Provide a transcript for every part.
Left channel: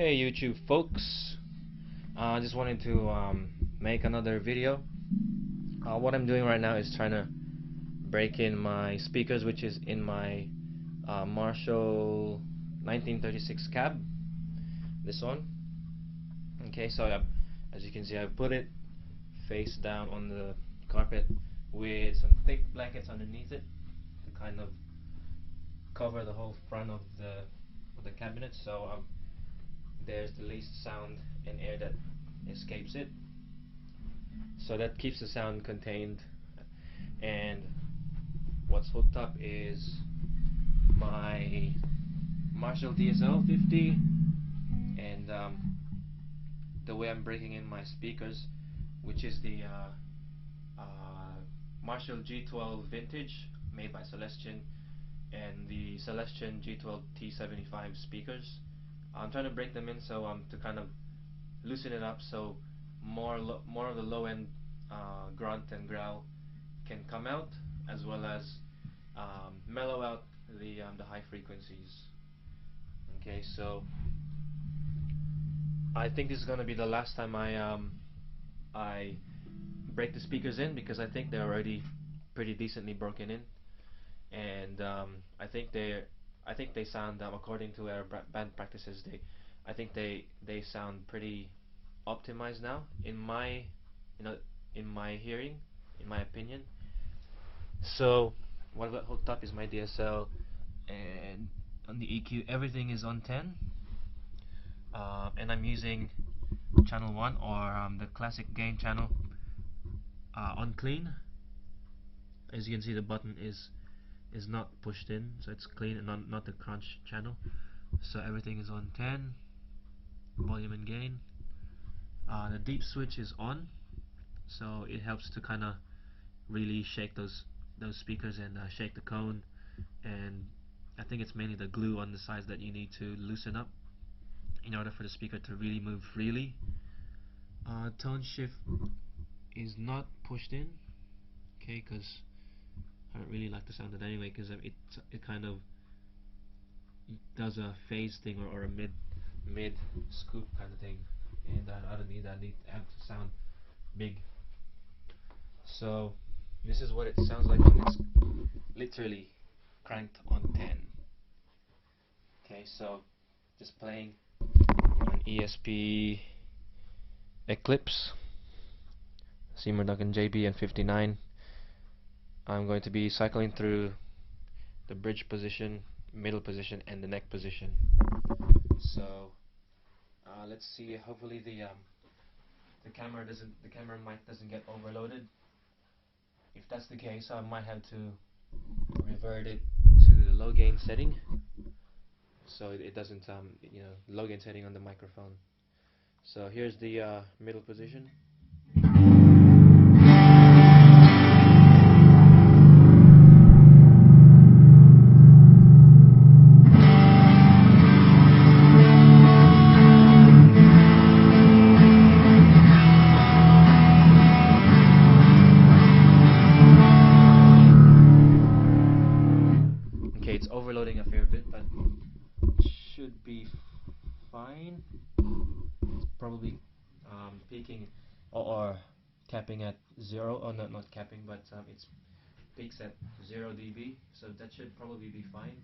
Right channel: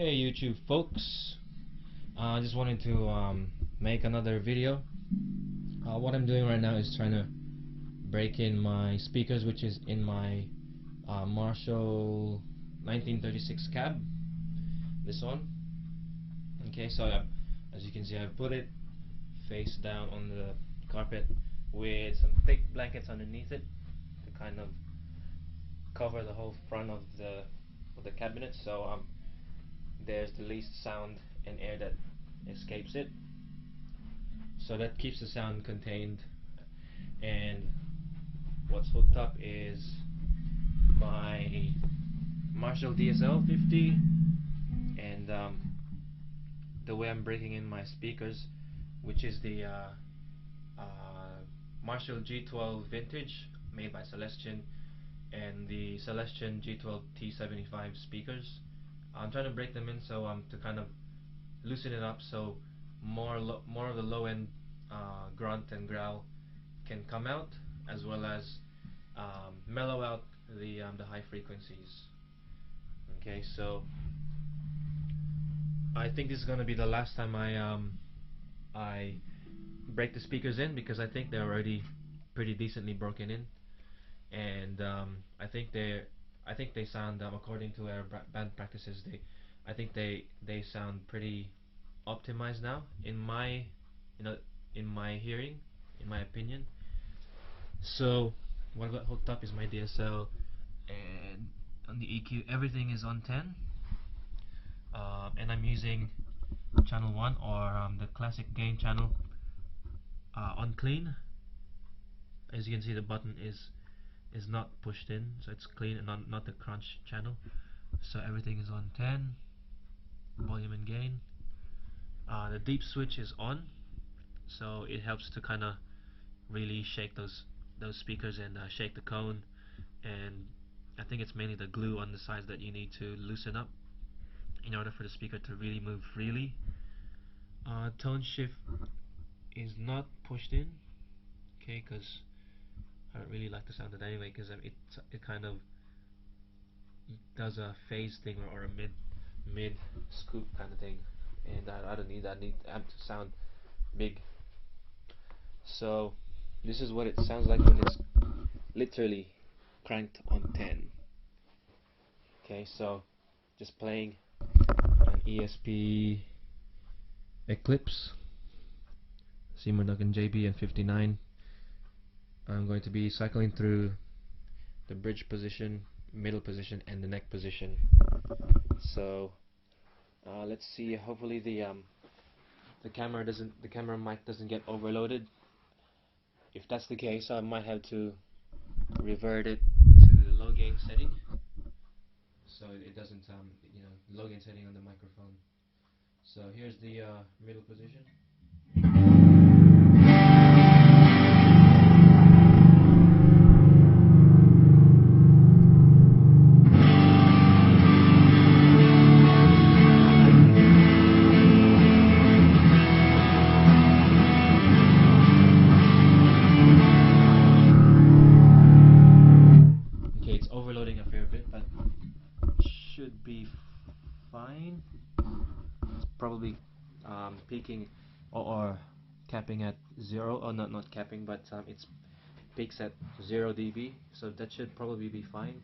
Hey YouTube folks, I just wanted to make another video. What I'm doing right now is trying to break in my speakers, which is in my Marshall 1936 cab, this one. Okay, so as you can see, I've put it face down on the carpet with some thick blankets underneath it to kind of cover the whole front of the cabinet, so there's the least sound and air that escapes it, so that keeps the sound contained. And what's hooked up is my Marshall DSL 50, and the way I'm breaking in my speakers, which is the Marshall G12 Vintage made by Celestion, and the Celestion G12 T75 speakers. I'm trying to break them in so to kind of loosen it up, so more of the low end grunt and growl can come out, as well as mellow out the high frequencies. Okay, so I think this is going to be the last time I break the speakers in, because I think they're already pretty decently broken in, and I think they sound, according to our band practices, I think they sound pretty optimized now in my hearing, in my opinion. So what I've got hooked up is my DSL, and on the EQ everything is on 10, and I'm using channel 1, or the classic gain channel, on clean. As you can see, the button is not pushed in, so it's clean and not the crunch channel. So everything is on 10, volume and gain. The deep switch is on, so it helps to kind of really shake those speakers and shake the cone, and I think it's mainly the glue on the sides that you need to loosen up in order for the speaker to really move freely. Tone shift is not pushed in, okay, because I don't really like the sound of it anyway, because it kind of does a phase thing, or a mid scoop kind of thing, and I don't need that. I need amp to sound big. So this is what it sounds like when it's literally cranked on 10. Okay, so just playing an ESP Eclipse Seymour Duncan JB and 59. I'm going to be cycling through the bridge position, middle position, and the neck position. So let's see. Hopefully the camera mic doesn't get overloaded. If that's the case, I might have to revert it to the low gain setting, so it doesn't low gain setting on the microphone. So here's the middle position. It's overloading a fair bit, but should be fine. It's probably peaking or capping at 0, or not capping, but it peaks at 0 dB, so that should probably be fine.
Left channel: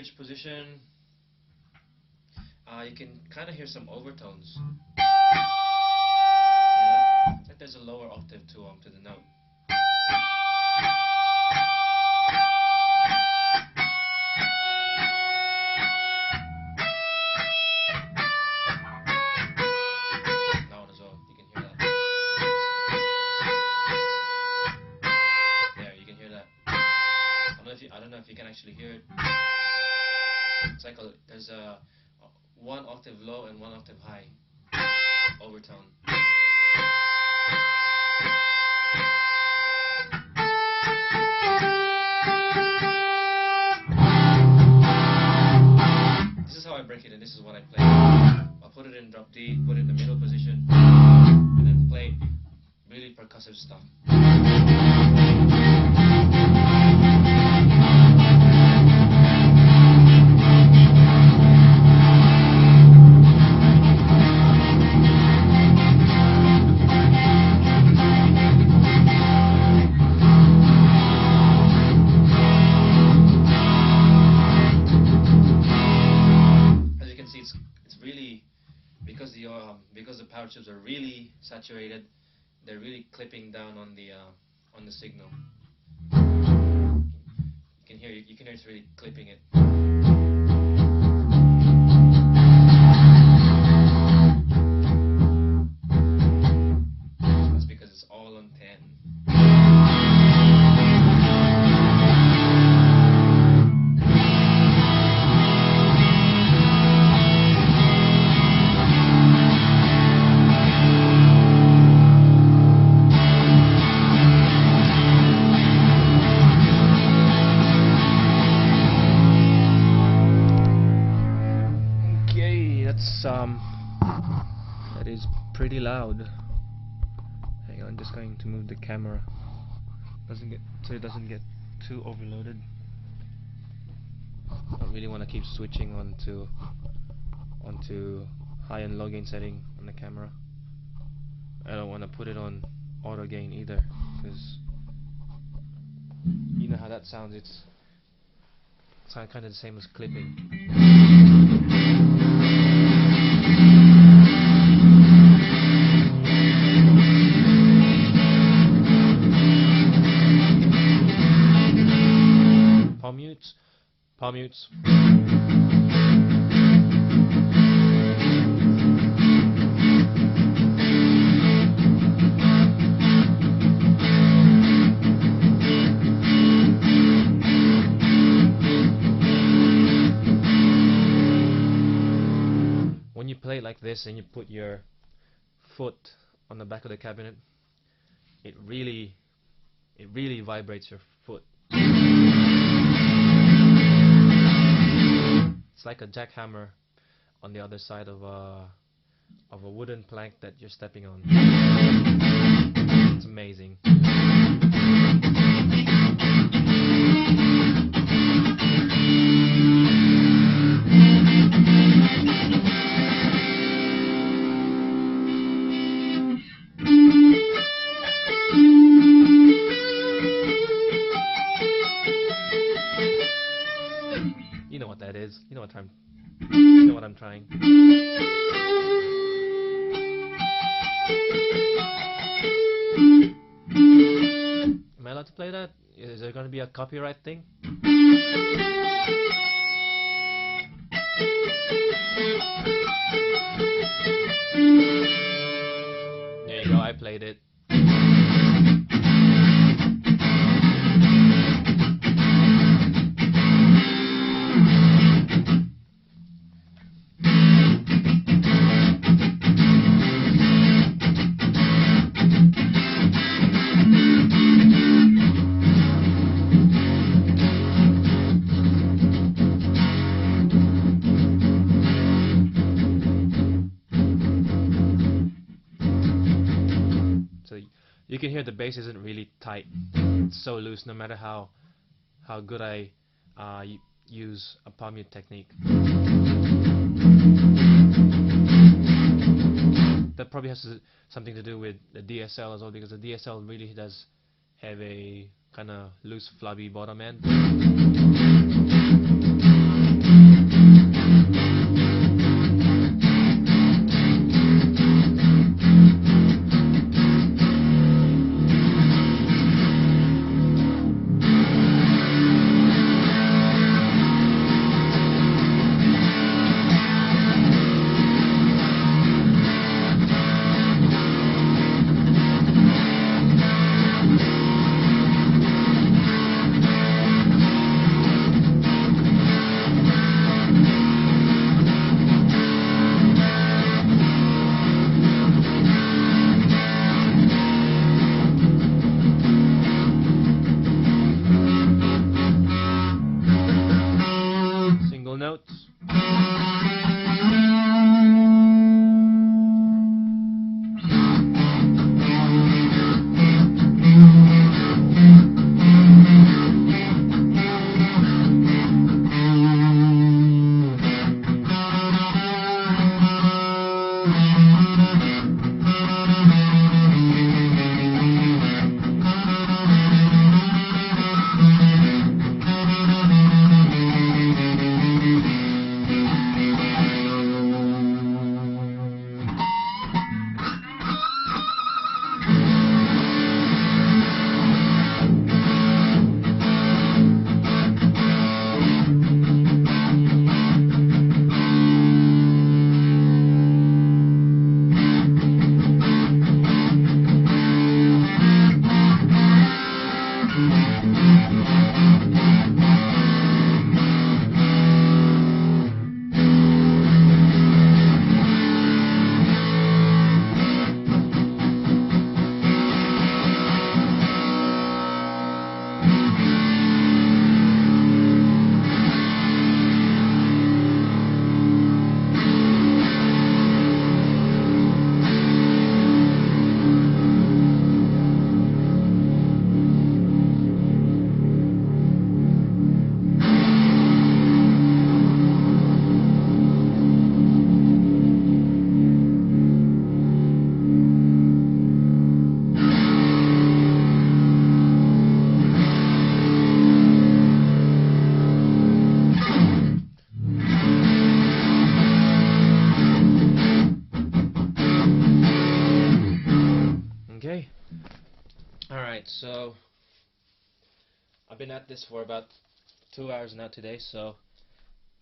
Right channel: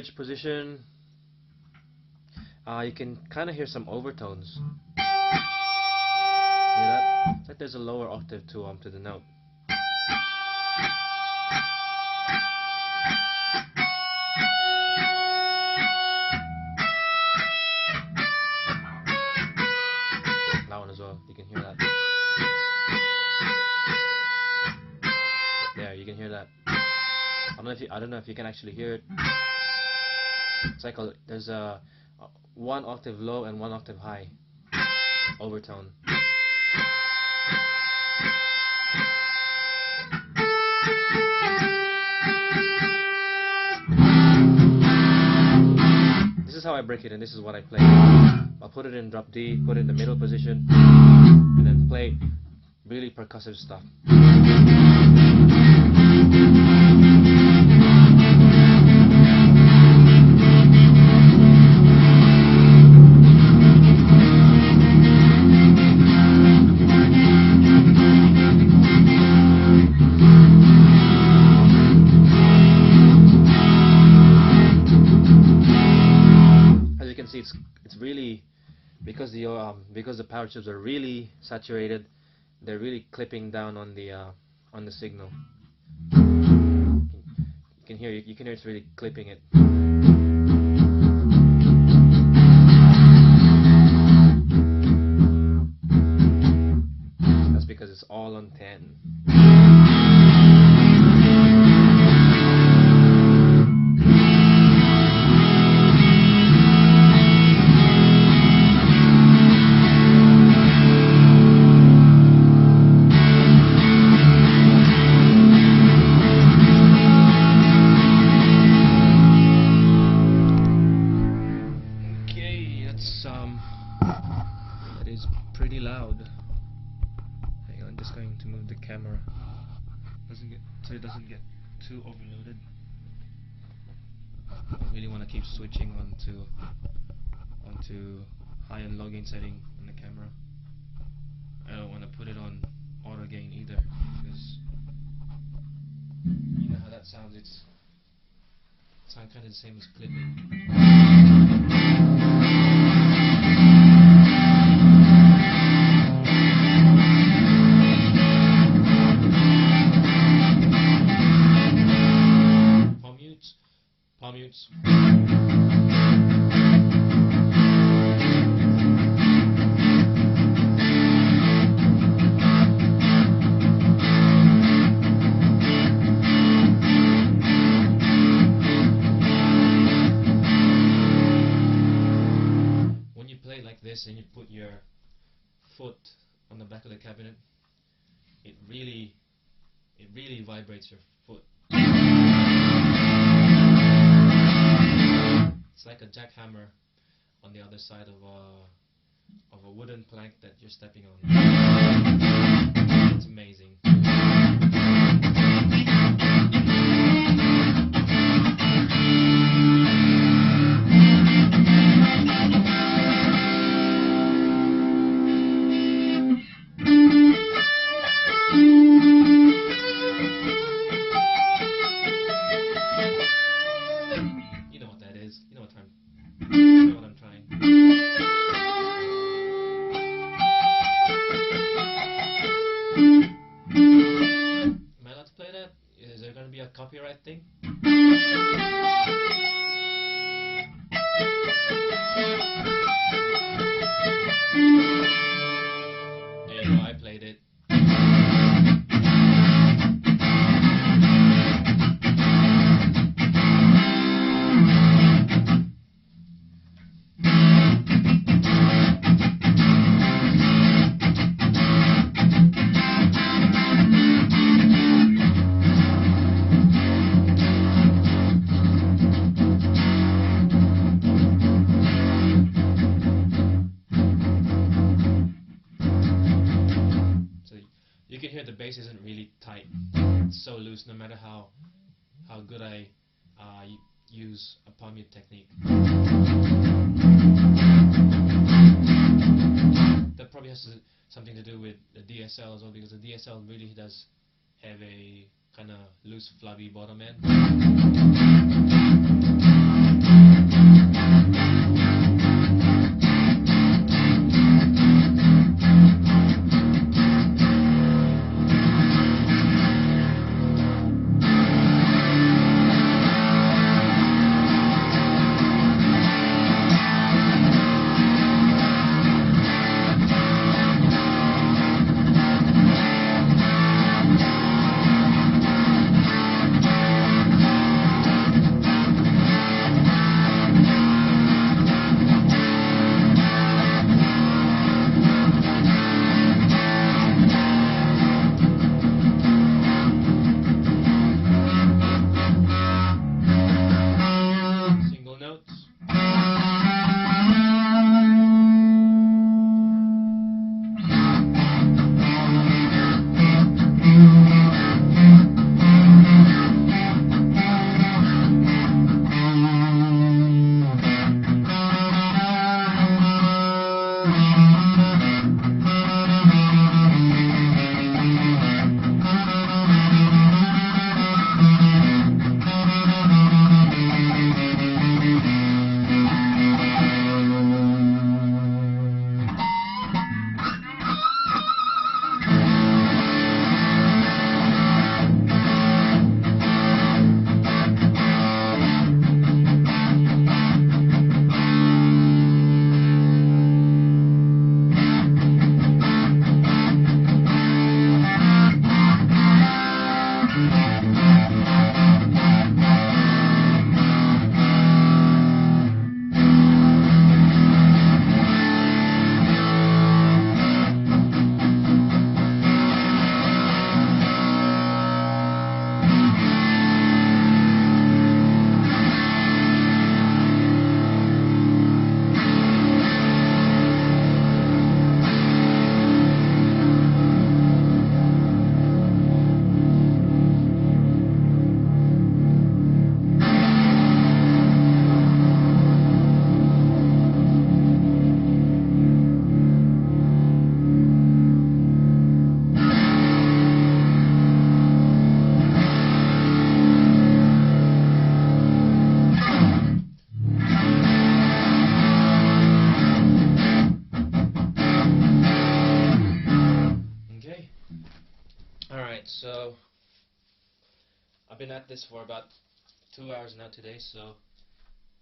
bridge position, you can kind of hear some overtones. Hear that? It's like there's a lower octave to the note. That one as well. You can hear that. There, you can hear that. I don't know if you can actually hear it. It's like there's a one octave low and one octave high overtone. This is how I break it, and this is what I play. I'll put it in drop D, put it in the middle position, and then play really percussive stuff. It's really because the power tubes are really saturated, they're really clipping down on the signal. You can hear it's really clipping it. That's because it's all on 10. That is pretty loud. Hang on, just going to move the camera so it doesn't get too overloaded. I don't really want to keep switching onto high and low gain setting on the camera. I don't want to put it on auto gain either, because you know how that sounds. It's kind of the same as clipping. Palm mutes. When you play it like this and you put your foot on the back of the cabinet, it really vibrates your foot. It's like a jackhammer on the other side of a wooden plank that you're stepping on. It's amazing. You know what that is. You know what I'm trying. Am I allowed to play that? Is there going to be a copyright thing? There you go, I played it. You can hear the bass isn't really tight. It's so loose no matter how good I use a palm mute technique. That probably has something to do with the DSL as well, because the DSL really does have a kind of loose, flabby bottom end. so I've been at this for about 2 hours now today, so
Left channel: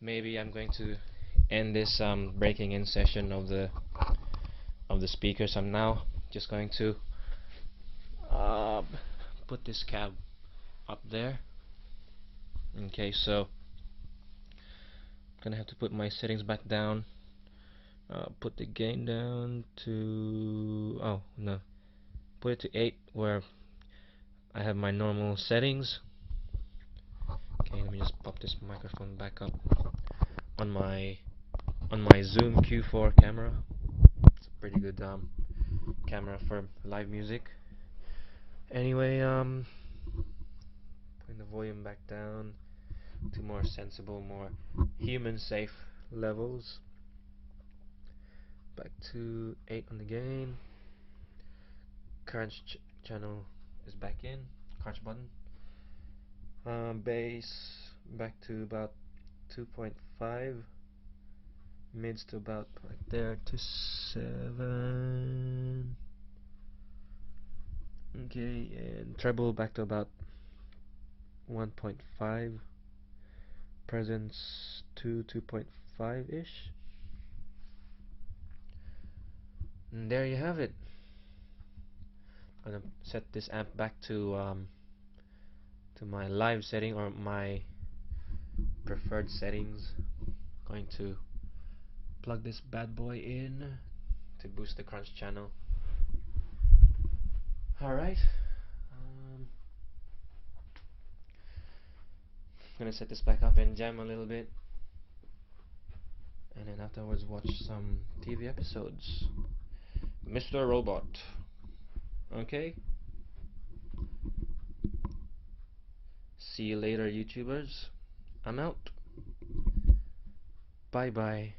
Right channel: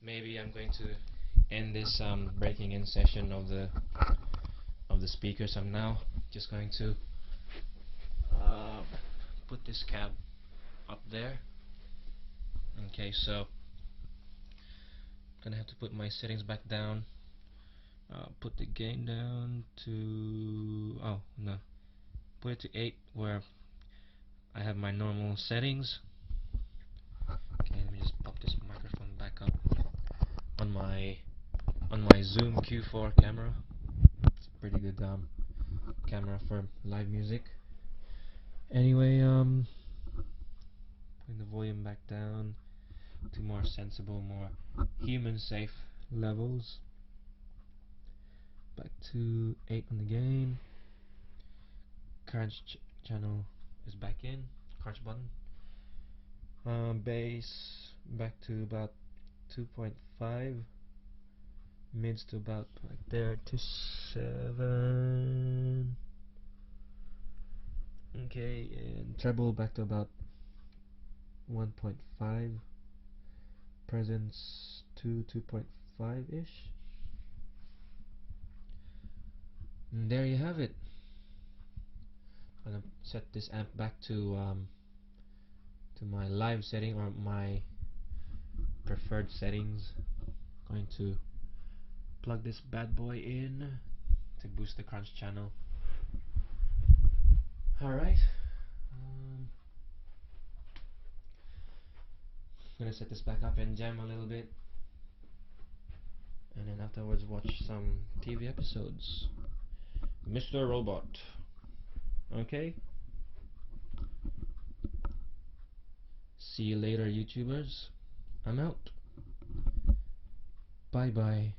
maybe I'm going to end this breaking in session of the speakers. I'm now just going to uh, put this cab up there. Okay, so I'm gonna have to put my settings back down. Put the gain down to, oh no, put it to 8 where I have my normal settings. Okay, let me just pop this microphone back up on my Zoom Q4 camera. It's a pretty good camera for live music. Anyway, putting the volume back down to more sensible, more human safe levels. Back to 8 on the gain. Crunch channel is back in. Crunch button. Bass back to about 2.5. Mids to about like there to 7. Okay, and treble back to about 1.5. Presence to 2.5 ish. And there you have it. I'm gonna set this amp back to my live setting, or my preferred settings. Going to plug this bad boy in to boost the crunch channel. Alright, gonna set this back up and jam a little bit, and then afterwards watch some TV episodes. Mr. Robot. Okay? See you later, YouTubers. I'm out. Bye bye.